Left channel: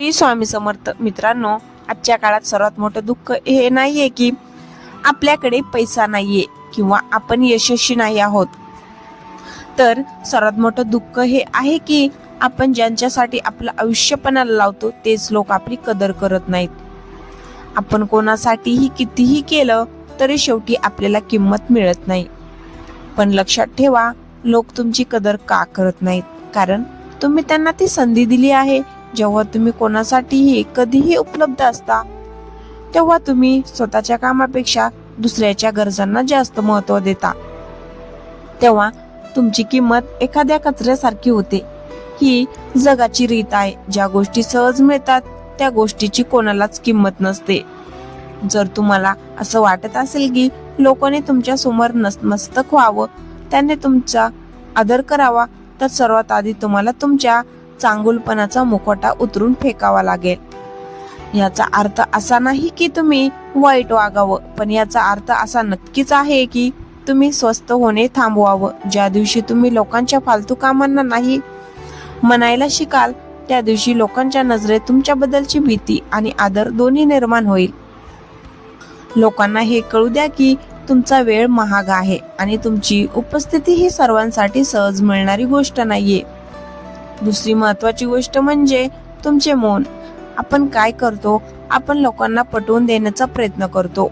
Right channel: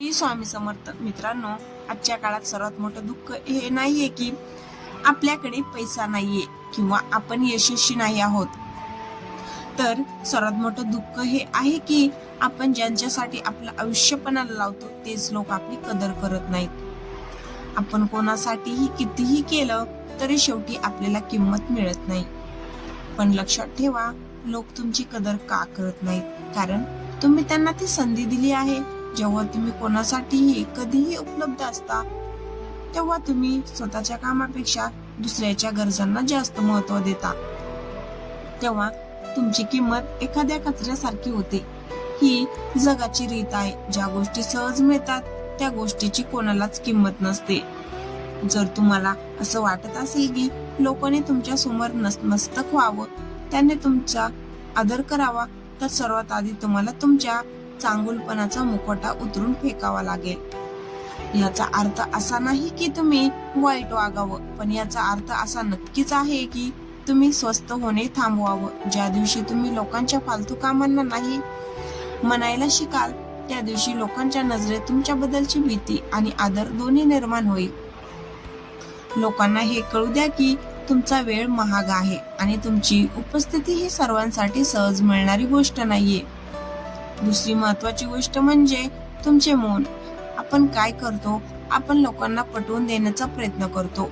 श्री स्वामी समर्थ. मित्रांनो, आजच्या काळात सर्वात मोठं दुःख हे नाहीये की आपल्याकडे पैसा नाहीये किंवा आपण यशस्वी नाही आहोत, तर सर्वात मोठं दुःख हे आहे की आपण ज्यांच्यासाठी आपलं आयुष्य पणाला लावतो तेच लोक आपली कदर करत नाहीत. आपण कोणासाठीही कितीही केलं तरी शेवटी आपल्याला किंमत मिळत नाही. पण लक्षात ठेवा, लोक तुमची कदर का करत नाहीत? कारण तुम्ही त्यांना ती संधी दिली आहे. जेव्हा तुम्ही कोणासाठीही कधीही उपलब्ध असता, तेव्हा तुम्ही स्वतःच्या कामापेक्षा दुसऱ्याच्या गरजांना जास्त महत्त्व देता. तेव्हा तुमची किंमत एखाद्या कचऱ्यासारखी होते. ही जगाची रीत आहे. ज्या गोष्टी सहज मिळतात त्या गोष्टीची कोणालाच किंमत नसते. जर तुम्हाला असं वाटत असेल की लोकांनी तुमच्या समोर नतमस्तक व्हावं, त्यांनी तुमचा आदर करावा, तर सर्वात आधी तुम्हाला तुमच्या चांगुलपणाचा मुखवटा उतरून फेकावा लागेल. याचा अर्थ असा नाही की तुम्ही वाईट वागावं, पण याचा अर्थ असा नक्कीच आहे की तुम्ही स्वस्थ होणे थांबवावं. ज्या दिवशी तुम्ही लोकांच्या फालतू कामांना नाही म्हणायला शिकाल, त्या दिवशी लोकांच्या नजरेत तुमच्याबद्दलची भीती आणि आदर दोन्ही निर्माण होईल. लोकांना हे कळू द्या की तुमचा वेळ महाग आहे आणि तुमची उपस्थिती ही सर्वांसाठी सहज मिळणारी गोष्ट नाहीये. दुसरी महत्वाची गोष्ट म्हणजे तुमचे मौन. आपण काय करतो? आपण लोकांना पटवून देण्याचा प्रयत्न करतो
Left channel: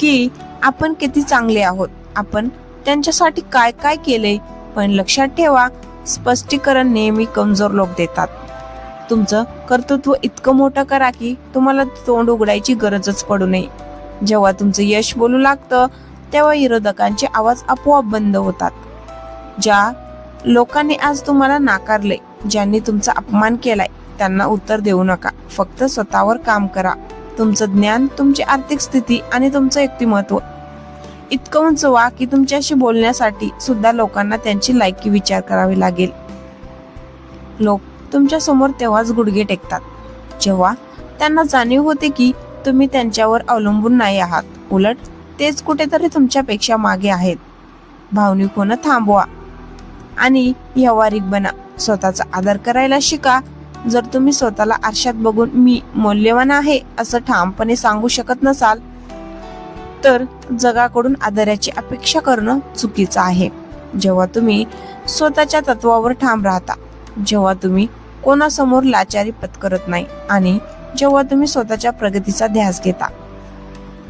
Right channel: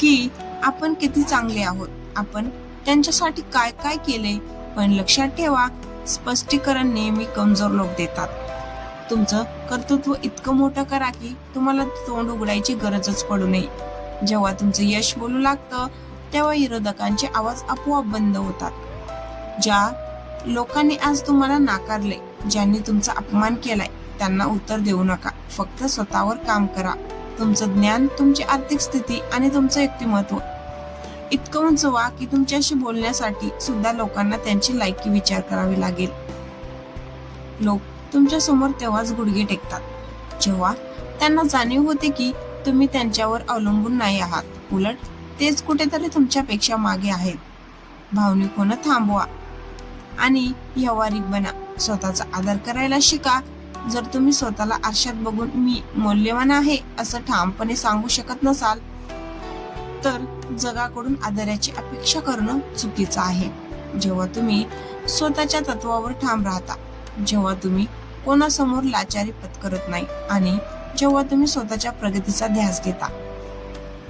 की आपण किती चांगले आहोत, आपण त्यांच्यासाठी काय काय केले. पण लक्षात ठेवा, स्पष्टीकरण नेहमी कमजोर लोक देतात. तुमचं कर्तृत्व इतकं मोठं करा की तुम्हाला तोंड उघडायची गरजच पडू नये. जेव्हा तुमचं यश बोलू लागतं तेव्हा विरोधकांचे आवाज आपोआप बंद होतात. ज्या लोकांनी आज तुम्हाला नाकारले, ज्यांनी तुमचा अपमान केलाय, त्यांना उत्तर देऊ नका. फक्त स्वतःवर काम करा. तुमचं ज्ञान, तुमची आर्थिक स्थिती आणि तुमचं व्यक्तिमत्व इतकं उंच व्हा की तुमच्याशी बोलण्यासाठी सुद्धा लोकांना त्यांची लायकी विचार करावी लागेल. लोक तुमच्या समोर तेव्हाच गुडघे टेकतात जेव्हा त्यांना जाणीव होते की तुम्ही त्यांच्यावर अवलंबून नाही आहात. उलट तेच कुठेतरी तुमच्यापेक्षा मागे आहेत. भावनिक होणं थांबवा आणि व्यावहारिक बना. स्वतःचा आदर करायला शिका. जर तुम्ही स्वतःला आरशात बघून मी मौल्यवान आहे असं ठामपणे सांगू शकत नसाल, तर जगाकडून आदराची अपेक्षा करणं चुकीचं आहे. जेव्हा तुम्ही स्वतःच्या तत्वावर ठाम राहता, जेव्हा तुम्ही कोणासमोर लाचारी पत्करत नाही आणि जेव्हा तुम्ही स्वतःच्या प्रगतीचा ध्यास घेता,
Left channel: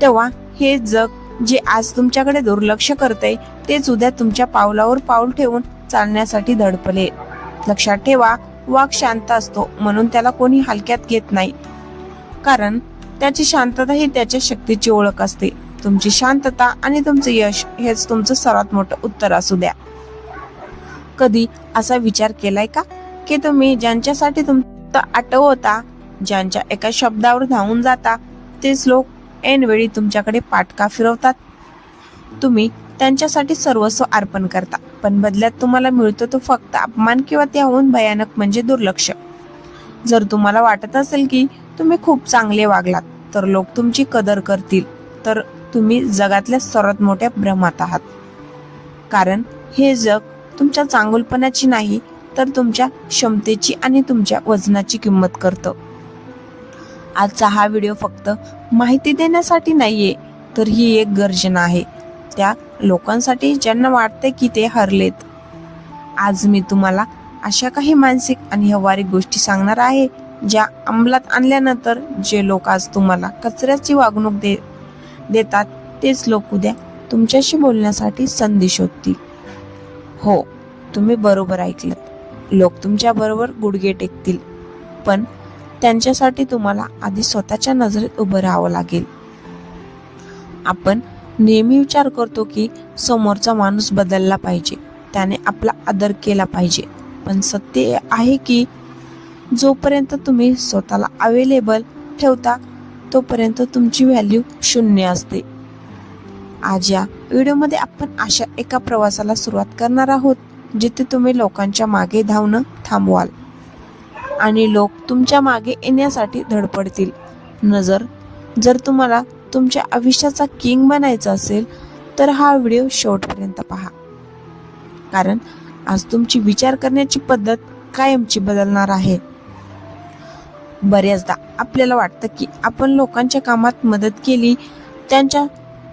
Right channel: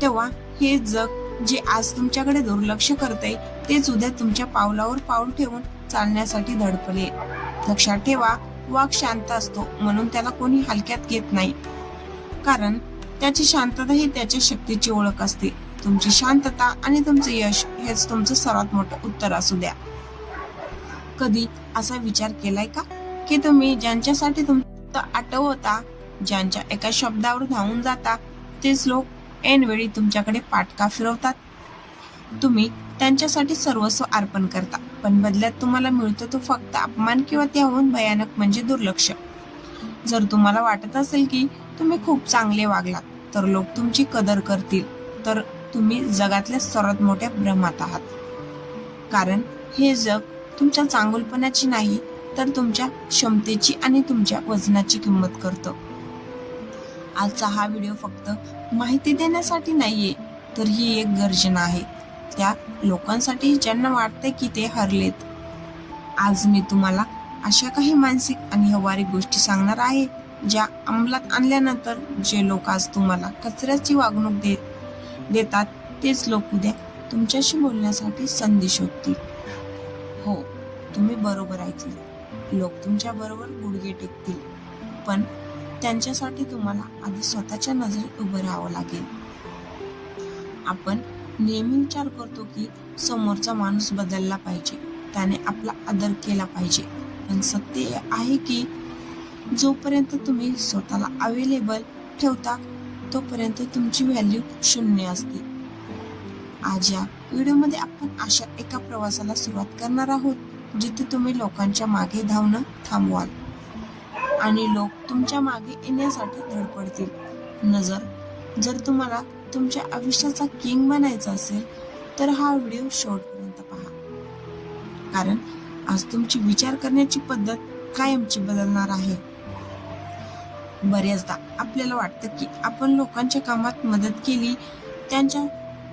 तेव्हा हे जग जे आज तुमच्याकडे दुर्लक्ष करते तेच उद्या तुमच्या पावलावर पाऊल ठेवून चालण्यासाठी धडपले. लक्षात ठेवा, वाघ शांत असतो म्हणून त्याला कोणी हलक्यात घेत नाही, कारण त्याची शांतता ही त्याच्या शक्तीची ओळख असते. तुमची शांतता आणि तुमचं यश हेच तुमचं सर्वात मोठं उत्तर असू द्या. कधी असा विचार केलाय का की तुम्ही ज्यांच्यासाठी तुमचं आठवता, ज्यांच्या एका शब्दावर धावून जाता, तेच लोक ऐनवेळी तुमच्याकडे पाठ का फिरवतात? तुम्ही त्यांच्यासाठी सर्वस्व अर्पण करता, पण बदल्यात तुम्हाला मिळतो तो फक्त अपमान किंवा त्याहून भयानक म्हणजे दुर्लक्ष. जर तुम्हाला वाटत असेल की तुम्ही खूप चांगले वागलात तर लोक तुमची कदर करतील, तर तुम्ही जगातल्या सर्वात मोठ्या भ्रमात आहात. कारण हे जग तुमच्या चांगुलपणाची नाही, तर तुमच्या क्षमतेची आणि तुमच्या वजनाची किंमत करतं. आजचा हा व्हिडिओ फक्त माहिती देण्यासाठी नाहीये, तर ही एक गर्जना आहे त्या लोकांसाठी ज्यांना वाटते की ते हरलेत. आज मी तुम्हाला अशा काही मानसिक आणि व्यावहारिक गोष्टी सांगणार आहे ज्या अंमलात आणल्यानंतर जे लोक आज तुम्हाला कचऱ्याची वागणूक देतात तेच लोक उद्या तुमच्याशी बोलण्यासाठी संधी शोधतील. हो, तुम्ही बरोबर ऐकलं. लोक तुमच्या बरोबर गुडघे टेकतील, पण त्यांच्यासाठी तुम्हाला आधी स्वतःच्या नजरेत उभं राहावं लागेल. आपण नेहमी विचार करतो की समोरचा माणूस बदलला पाहिजे, त्याने आपला आदर केला पाहिजे, पण सत्य आहे की जोपर्यंत तुम्ही स्वतःला अवेलेबल ठेवता तोपर्यंत तुमची व्हॅल्यू शून्य असते. आज या व्हिडिओमध्ये आपण अशा एका प्रवासाला सुरुवात करणार आहोत जिथे तुम्ही लोकांच्या मागे धावणं थांबवाल आणि लोक तुमच्या मागे येण्यासाठी धडपडतील. जर तुम्हाला तुमच्या आयुष्याचा किंग बनायचं असेल तर हा व्हिडिओ शेवटपर्यंत पहा, कारण आज तुमची विचार करण्याची पद्धत कायमची बदलणार आहे. बऱ्याचदा आपल्याला वाटतं की आपण लोकांच्या कामात मदत केली, त्यांच्या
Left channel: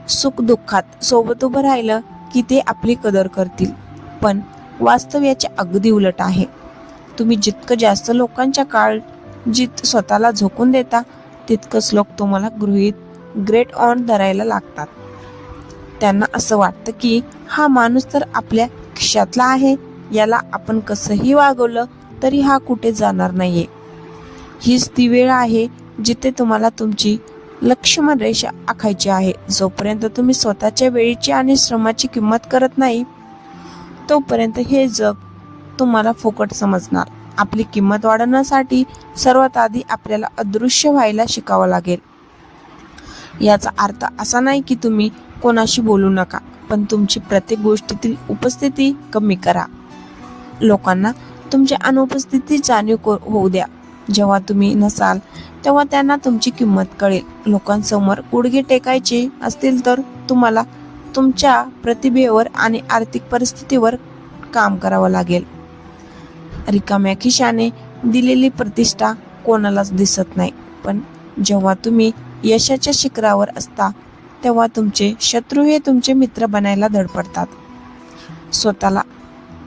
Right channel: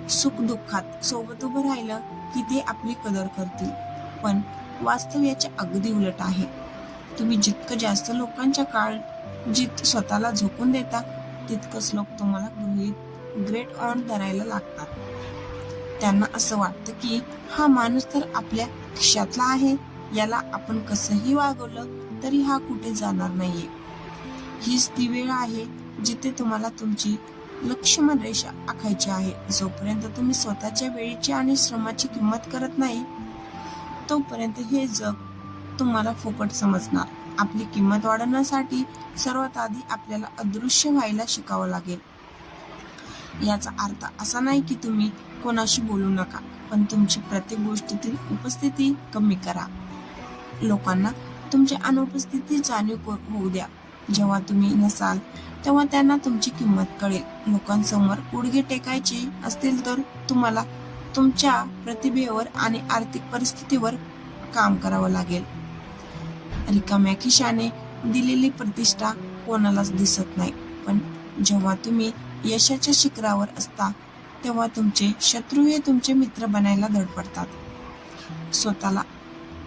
सुख दुःखात सोबत उभं राहिलं की ते आपली कदर करतील. पण वास्तव याचे अगदी उलट आहे. तुम्ही जितकं जास्त लोकांच्या काळजीत स्वतःला झोकून देता, तितकंच लोक तुम्हाला ग्रेट ऑन धरायला लागतात. त्यांना असं वाटतं की हा माणूस तर आपल्या खिशातला आहे, याला आपण कसंही वागवलं तरी हा कुठे जाणार नाहीये. हीच ती वेळ आहे जिथे तुम्हाला तुमची लक्ष्मण रेषा आखायची आहे. जोपर्यंत तुम्ही स्वतःच्या वेळेची आणि श्रमाची किंमत करत नाही, तोपर्यंत हे जग तुम्हाला फुकट समजणार. आपली किंमत वाढवण्यासाठी सर्वात आधी आपल्याला अदृश्य व्हायला शिकावं लागेल. याचा अर्थ असा नाही की तुम्ही कोणाशी बोलू नका, पण तुमची प्रत्येक गोष्टीतील उपस्थिती कमी करा. लोकांना तुमच्या अनुपस्थितीची जाणीव होऊ द्या. जेव्हा तुम्ही नसाल तेव्हा त्यांना तुमची किंमत कळेल. लोकांसमोर गुडघे टेकायचे असतील तर तुम्हाला तुमच्या प्रतिभेवर आणि आर्थिक परिस्थितीवर काम करावं लागेल. रिकाम्या खिशाने दिलेली प्रतिष्ठा कोणालाच दिसत नाही, पण जेव्हा तुम्ही यशाच्या शिखरावर असता तेव्हा तुमचे शत्रू हे तुमचे मित्र बनायला धडपडतात. स्वतःला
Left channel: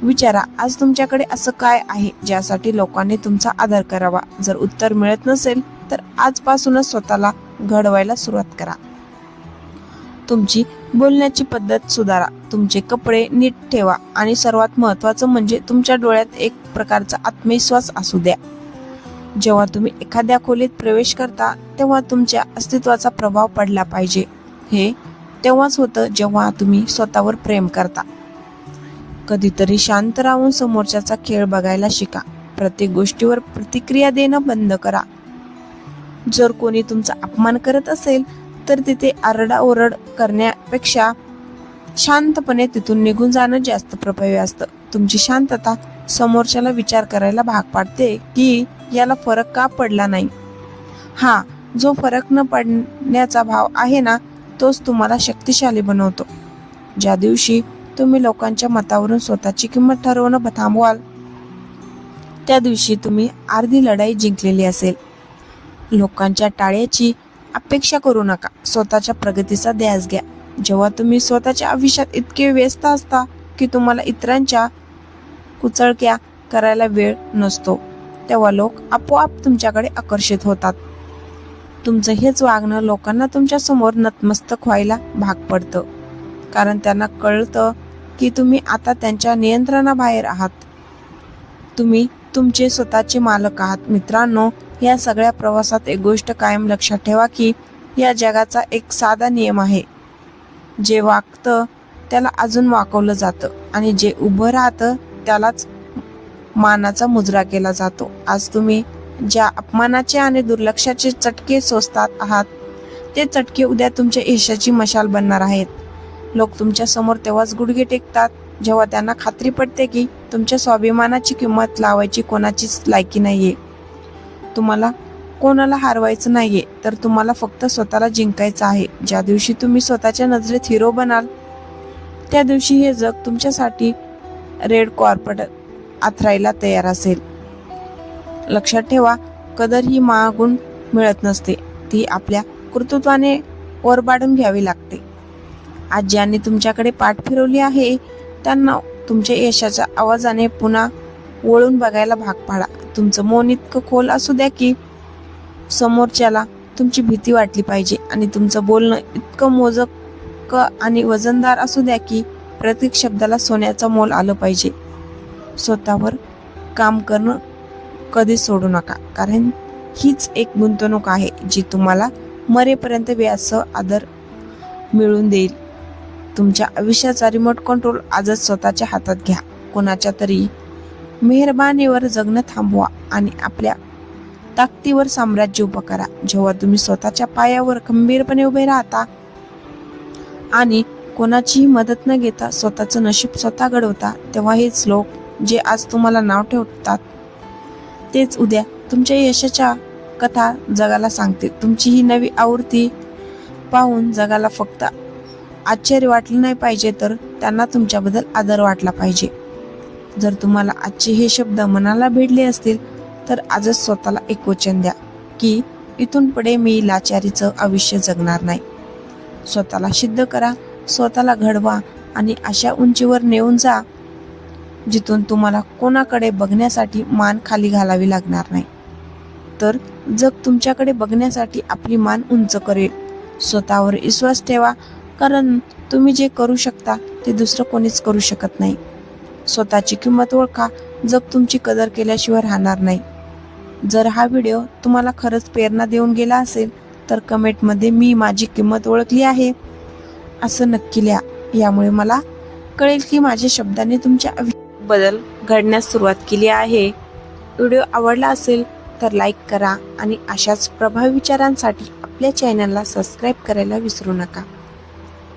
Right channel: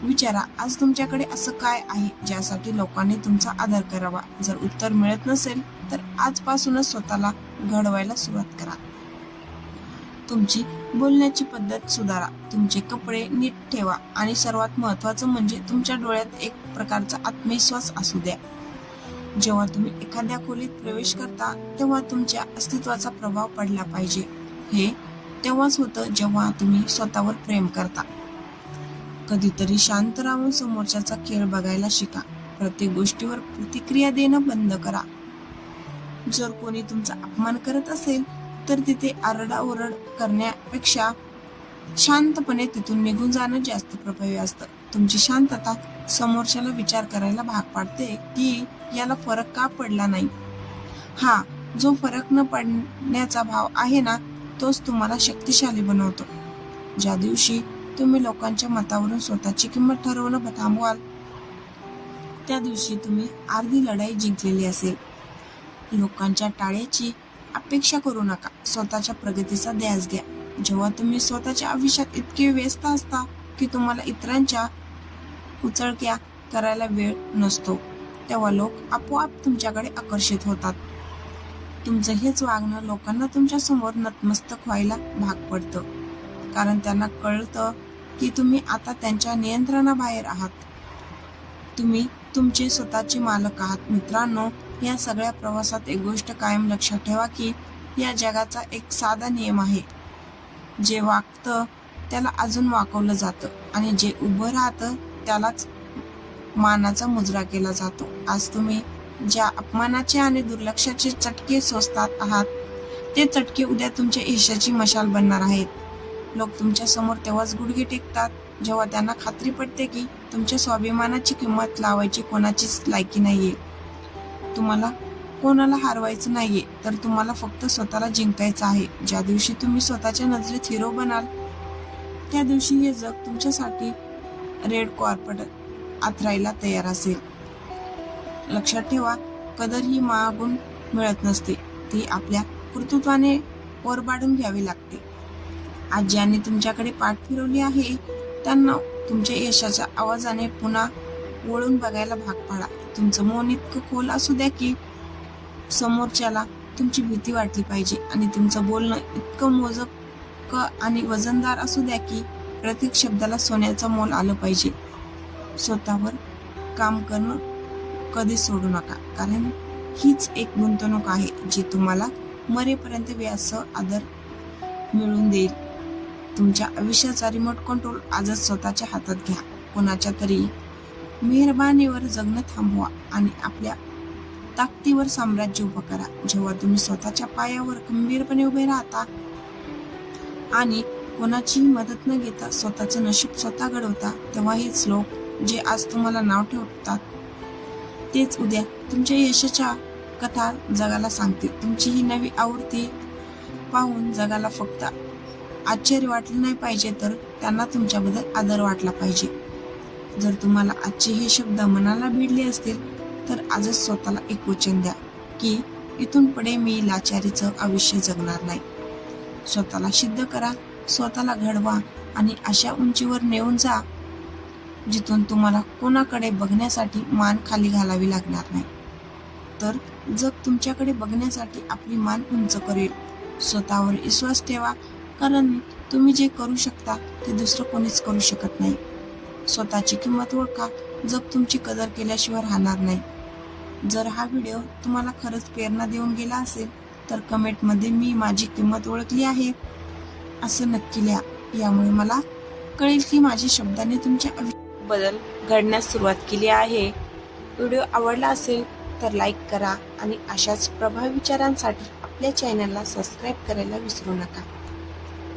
विचारा, आज तुमच्याकडे असं काय आहे ज्यासाठी लोकांनी तुमचा आदर करावा? जर उत्तर मिळत नसेल तर आजपासूनच स्वतःला घडवायला सुरुवात करा. तुमची बोलण्याची पद्धत सुधारा, तुमचे कपडे नीट ठेवा आणि सर्वात महत्त्वाचं म्हणजे तुमच्या डोळ्यात एक प्रकारचा आत्मविश्वास असू द्या. जेव्हा तुम्ही एखाद्या खोलीत प्रवेश करता तेव्हा तुमच्या अस्तित्वाचा प्रभाव पडला पाहिजे. हे तेव्हाच होतं जेव्हा तुम्ही स्वतःवर प्रेम करता. कधीतरी शांत राहून समोरच्याचा खेळ बघायला शिका. प्रत्येक गोष्टीवर प्रतिक्रिया देणं बंद करा. जर कोणी तुमचा अपमान करत असेल तर तिथे आरडाओरड करण्यापेक्षा शांतपणे तिथून निघून जाणं जास्त प्रभावी असतं. तुमची शांतता समोरच्याला विचार करायला भाग पाडते की याला फरक का पडला नाही. हा जो फरक न पडण्याचा भाव आहे ना, तोच तुम्हाला शक्तिशाली बनवतो. ज्या दिवशी तुम्ही लोकांच्या मतावरून स्वतःची किंमत ठरवणं थांबवाल, त्या दिवशी तुम्ही अर्धी लढाई जिंकलेली असेल. लोकांच्या टाळ्याची अपेक्षा करू नका, स्वतःच्या प्रगतीचा ध्यास घ्या. जेव्हा तुम्ही स्वतःच्या आयुष्यात इतके व्यस्त असता की तुम्हाला इतरांच्या कुचळक्या करायला वेळ नसतो, तेव्हा लोक आपोआप तुमच्याकडे आकर्षित होतात. तुमचं हेच वागणं लोकांना तुमच्या समोर नतमस्तक व्हायला भाग पडतं, कारण त्यांना कळतं की तुम्ही आता त्यांच्या नियंत्रणाबाहेर आहात. तुम्ही तुमचे स्वतःचे मालक आहात. मित्रांनो, या सगळ्या प्रवासात एक गोष्ट कायम लक्षात ठेवा की या जगाचा एक साधा नियम आहे. जे वागतं त्याला अजून वाकवलं जातं आणि जे उभं राहतं त्यालाच मानाचा मुजरा केला जातो. आज तुम्ही ज्या अपमानाचे आणि दुर्लक्षाचे चटके सोसतात आहात, ते चटके उद्या तुमच्या यशाची मशाल बनणार आहेत. लोक तुमच्या समोर तेव्हाच गुडघे टेकतात जेव्हा त्यांना खात्री पडते की तुमच्या स्वाभिमानाची किंमत लावायची कोणाचीच लायकी नाहीये. तुम्हाला कोणाला हरवायचं नाहीये, तर तुम्हाला फक्त स्वतःला जिंकायचं आहे. ज्या दिवशी तुम्ही स्वतःच्या नजरेत हिरो बनाल, त्या दिवशी हे जग तुमच्यासाठी रेड कार्पेट आथरायला तयार असेल. लक्षात ठेवा, कदर ही मागून मिळत नसते, ती आपल्या कर्तृत्वाने ओरबाडून घ्यावी लागते. आज ज्यांनी तुमच्याकडे पाठ फिरवली आहे त्यांना तुमच्या यशाच्या आवाजाने पुन्हा वळून बघायला भाग पाडा. तुमचं मौन इतकं खोल असू द्या की समोरच्याला तुमची भीती वाटली पाहिजे आणि तुमचं बोलणं इतकं मोजक आणि वजनदार असू द्या की प्रत्येक शब्दाला सोन्याचं मोल आलं पाहिजे. स्वतःवर काम करणं कधीच सोडू नका, कारण हीच एक गुंतवणूक आहे जी तुम्हाला मरेपर्यंत व्यासह आदर मिळवून देईल. तुमच्या आयुष्याचा रिमोट कंट्रोल आजच स्वतःच्या हातात घ्या. कोणाच्या तरी मेहरबानीवर जगणं थांबवा आणि आपल्या ताकदीवर साम्राज्य उभं करा. जेव्हा तुम्ही स्वतःच्या पायावर खंबीरपणे उभे राहता आणि कोणाचीही मदत न घेता स्वतःचं नशीब स्वतः घडवता, तेव्हा हेच लोक जे आज तुम्हाला नाव ठेवतात तेच उद्या तुमच्या यशाच्या कथा जगाला सांगतील. तुमची ही नवी आवृत्ती पाहून जगाला फक्त आश्चर्य वाटलं नाही पाहिजे, तर त्यांना तुमच्याबद्दल आदर वाटला पाहिजे. जर तुम्हाला आजचे हे शब्द मनाला भिडले असतील तर आजच स्वतःला एक वचन द्या. की इथून पुढे मी लाचारीचं आयुष्य जगणार नाही. स्वतःला सिद्ध करा, स्वतःला घडवा आणि अशा उंचीवर नेऊन जा जिथून तुम्हाला कोणाकडे बघण्यासाठी मान खाली घालावी लागणार नाही. तर जग तुमच्याकडे बघण्यासाठी आपली मान उंच करेल. स्वतःवर विश्वास ठेवा, कारण तुम्ही जे करू शकता ते दुसरं कोणीच करू शकत नाही. स्वतःची किंमत ओळखा, जग तुमची कदर केल्याशिवाय राहणार नाही. जर हा व्हिडिओ तुम्हाला खरंच प्रेरणा देऊन गेला असेल तर कमेंटमध्ये मी माझी किंमत ओळखली आहे असं नक्की लिहा. यामुळे मला कळेल की माझ्या शब्दाने तुमच्या बदल घडण्यास सुरुवात केली आहे. व्हिडिओ आवडला असेल तर लाईक करा आणि अशाच प्रभावी विचारांसाठी आपल्या चॅनलला सबस्क्राईब करायला विसरू नका.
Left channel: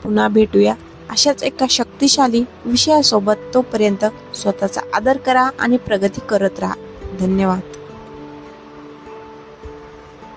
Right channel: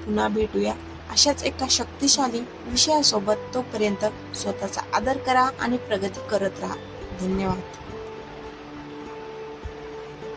पुन्हा भेटूया अशाच एका शक्तिशाली विषयासोबत. तोपर्यंत स्वतःचा आदर करा आणि प्रगती करत राहा. धन्यवाद.